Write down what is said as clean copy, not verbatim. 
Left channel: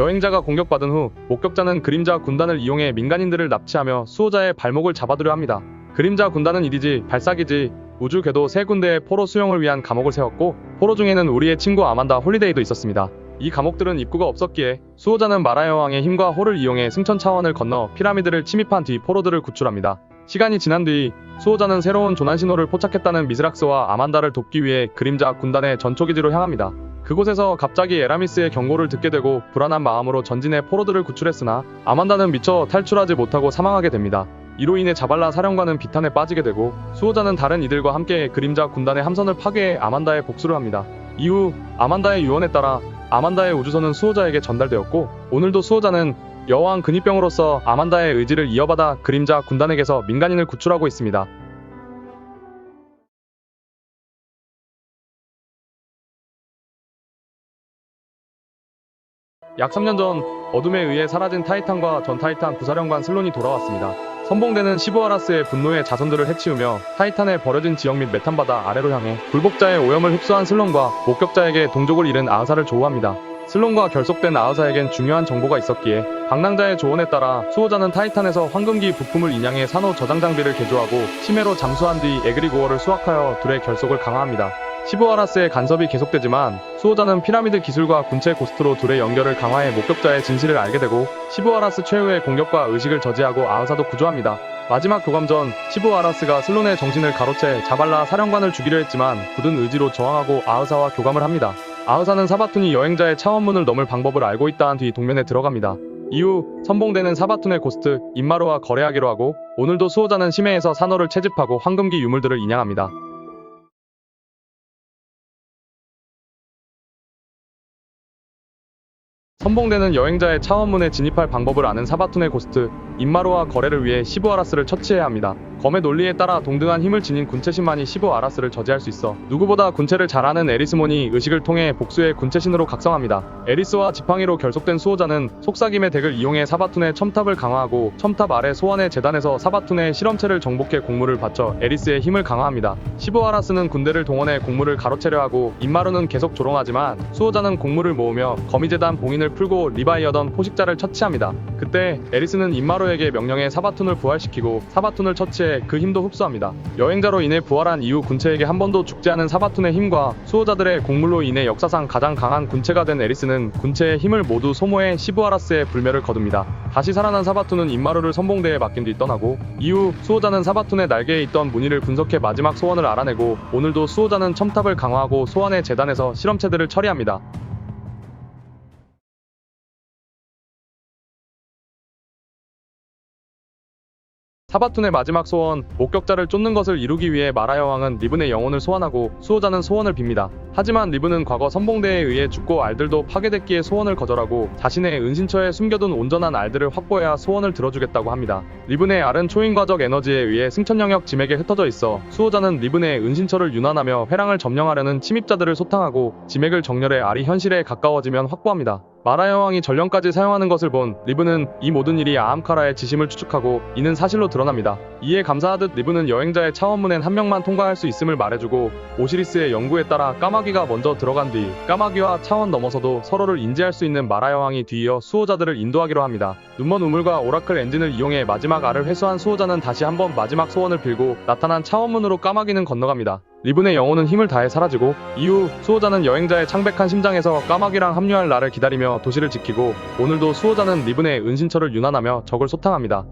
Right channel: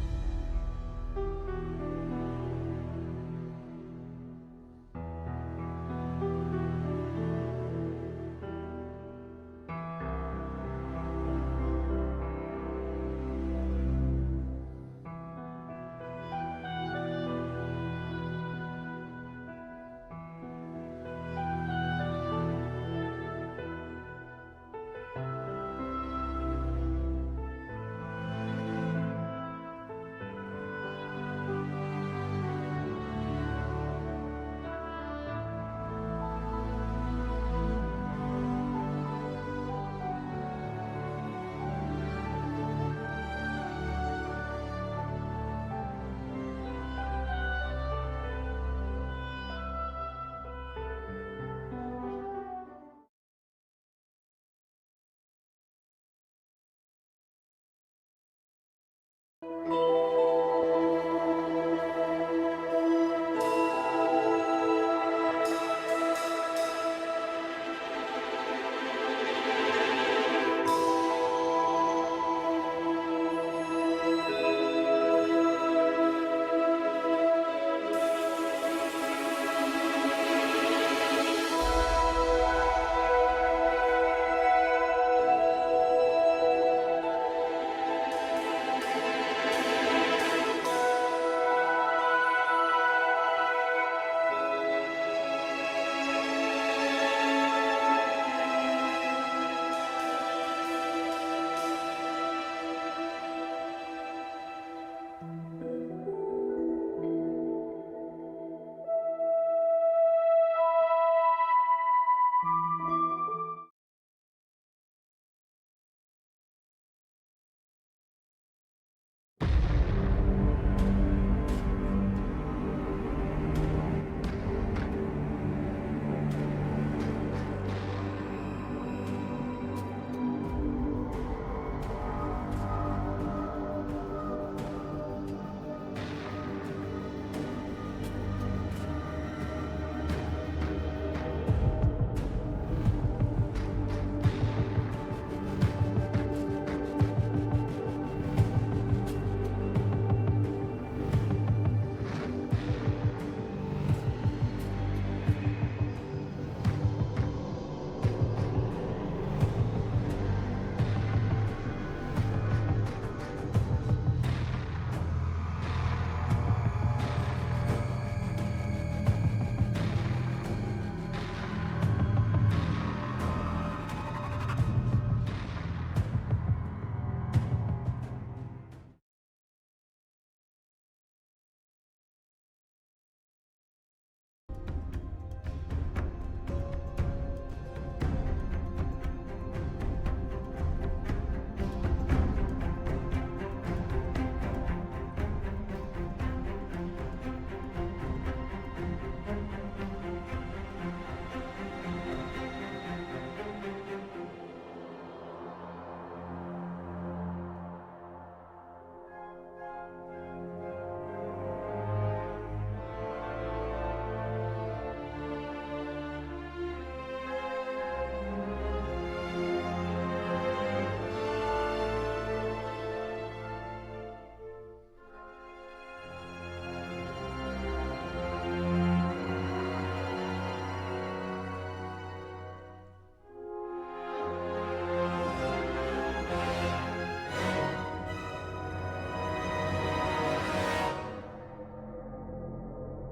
여행자가 공격받은 후 목격자는 그림자 군단을 이용해 민간인들을 납치하며 수호자의 발목을 잡아두려 합니다. 그림자 군단은 이디지, 발사기지, 우주 궤도 세 군데의 포로 수용을 위한 감옥을 세웠고 포로 중에는 우리의 친구 아만다 홀리데이도 있었습니다. 이 감옥들은 입구가 없었기에 수호자는 마라 여왕의 힘과 호를 이용해 승천 차원을 건너 피라미드를 침입한 뒤 포로들을 구출합니다. 시간이 지난 뒤 수호자는 새로운 조난 신호를 포착했다는 미스락스와 아만다를 돕기 위해 그림자 군단의 전초기지로 향합니다. 그곳에서 갑자기 에라미스의 경고를 듣게 되고 불안한 마음으로 전진해 포로들을 구출했으나 아만다는 미처 탈출하지 못하고 사망하게 됩니다. 이로 인해 자발라 사령관은 비탄에 빠지게 되고 수호자는 다른 이들과 함께 그림자 군단의 함선을 파괴해 아만다의 복수를 합니다. 이후 아만다의 유언에 따라 아만다의 우주선은 수호자에게 전달되었고 오늘도 수호자는 여왕 근위병으로서 아만다의 의지를 이어받아 그림자 군단에게서 민간인을 구출하고 있습니다. 약 3년 전 어둠에 의해 사라진 타이탄과 전 타이탄 부사령관 슬론이 돌아왔습니다. 선봉대는 시부아라스의 분노의 자손들을 해치우며 타이탄의 버려진 지역 및 메탄바다 아래로 향해 굴복자의 오염을 흡수한 슬론과 목격자에게 동족을 잃은 아흐사를 조우합니다. 슬론과 결속된 아흐사에겐 중요한 정보가 있었기에 방랑자의 조언에 따라 수호자는 타이탄에서 황금기 부품을 인양해 산호 저장 장비를 개조하고 심해로 잠수한 뒤 에그리고어를 수확하여 둘의 결속을 강화합니다. 시부아라스의 간섭이 계속되지만 수호자는 피라미드 기술과 군체 고스트로 둘의 연결을 강화해 목격자의 진실을 알게 되고 시부아라스 최후의 공격과 의식을 저지하고 아흐사도 구조합니다. 마지막 교감 전 시부아라스가 슬론의 정신을 가로채 자발라 사령관을 죽이려 했지만 굳은 의지로 저항하고 아흐사와 교감을 합니다. 아흐사는 사바툰이 여행자의 차원문을 넘을 방법을 알고 있다한 뒤 동면에 들어갑니다. 이후 선봉대는 사바툰의 고스트 임마루와 거래하기로 하고 오늘도 수호자는 심해에서 산호를 채집하고 황금기 유물들을 인양합니다. 선봉대는 여행자의 차원문에 진입할 방법을 아는 사바툰의 고스트 임마루와 거래를 위해 시부아라스를 처치해야 합니다. 검의 논리에 따라 동등한 힘을 지닌 군체신만이 시부아라스를 저지할 수 있어 누구보다 군체를 잘 아는 에리스몬이 의식을 통해 복수의 군체신으로 각성합니다. 에리스와 지팡이로 결속된 수호자는 속삭임의 덱을 이용해 사바툰의 첨탑을 강화하고 첨탑 아래 소환의 재단에서 사바툰의 실험체를 정복해 공물을 바쳐 에리스의 힘을 강화합니다. 시부아라스는 군대를 동원해 공물을 가로채려 하고 임마루는 계속 조롱하지만 수호자는 공물을 모으며 거미재단 봉인을 풀고 리바이어던 포식자를 처치합니다. 그때 에리스는 임마루에게 명령해 사바툰을 부활시키고 사바툰을 처치해 그 힘도 흡수합니다. 여행자로 인해 부활한 이후 군체에게 한 번도 죽지 않은 사바툰의 힘과 수호자들의 공물로 인해 역사상 가장 강한 군체가 된 에리스는 군체의 힘을 모두 소모해 시부아라스의 불멸을 거둡니다. 다시 살아난 사바툰은 임마루를 선봉대에 맡긴 뒤 떠나고 이후 수호자는 사바툰의 날개에 있던 무늬를 분석해 마지막 소원을 알아내고 오늘도 수호자는 첨탑을 강화하고 소환의 재단에서 실험체들을 처리합니다. 사바툰의 마지막 소원, 목격자를 쫓는 것을 이루기 위해 마라 여왕은 리븐의 영혼을 소환하고 수호자는 소원을 빕니다. 하지만 리븐은 과거 선봉대에 의해 죽고 알들도 파괴됐기에 소원을 거절하고 자신의 은신처에 숨겨둔 온전한 알들을 확보해야 소원을 들어주겠다고 합니다. 리븐의 알은 초인과적 에너지에 의해 승천 영역 지맥에 흩어져 있어 수호자는 리븐의 은신처를 윤환하며 회랑을 점령하려는 침입자들을 소탕하고 지맥을 정렬해 알이 현실에 가까워지면 확보합니다. 마라 여왕이 전령까지 사용하는 것을 본 리븐은 이 모든 일이 아함카라의 지심을 추측하고 이는 사실로 드러납니다. 이에 감사하듯 리븐은 여행자의 차원문엔 한 명만 통과할 수 있음을 말해주고 오시리스의 연구에 따라 까마귀가 먼저 들어간 뒤 까마귀와 차원 넘어서도 서로를 인지할 수 있는 마라 여왕이 뒤이어 수호자들을 인도하기로 합니다. 눈먼 우물과 오라클 엔진을 이용해 마지막 알을 회수한 수호자는 다시 한번 마지막 소원을 빌고 나타난 차원문으로 까마귀는 건너갑니다. 리븐의 영혼은 힘을 다해 사라지고 이후 수호자는 여행자의 창백한 심장에서 까마귀랑 합류할 날을 기다리며 도시를 지키고 오늘도 수호자는 리븐의 은신처를 윤환하며 적을 소탕합니다.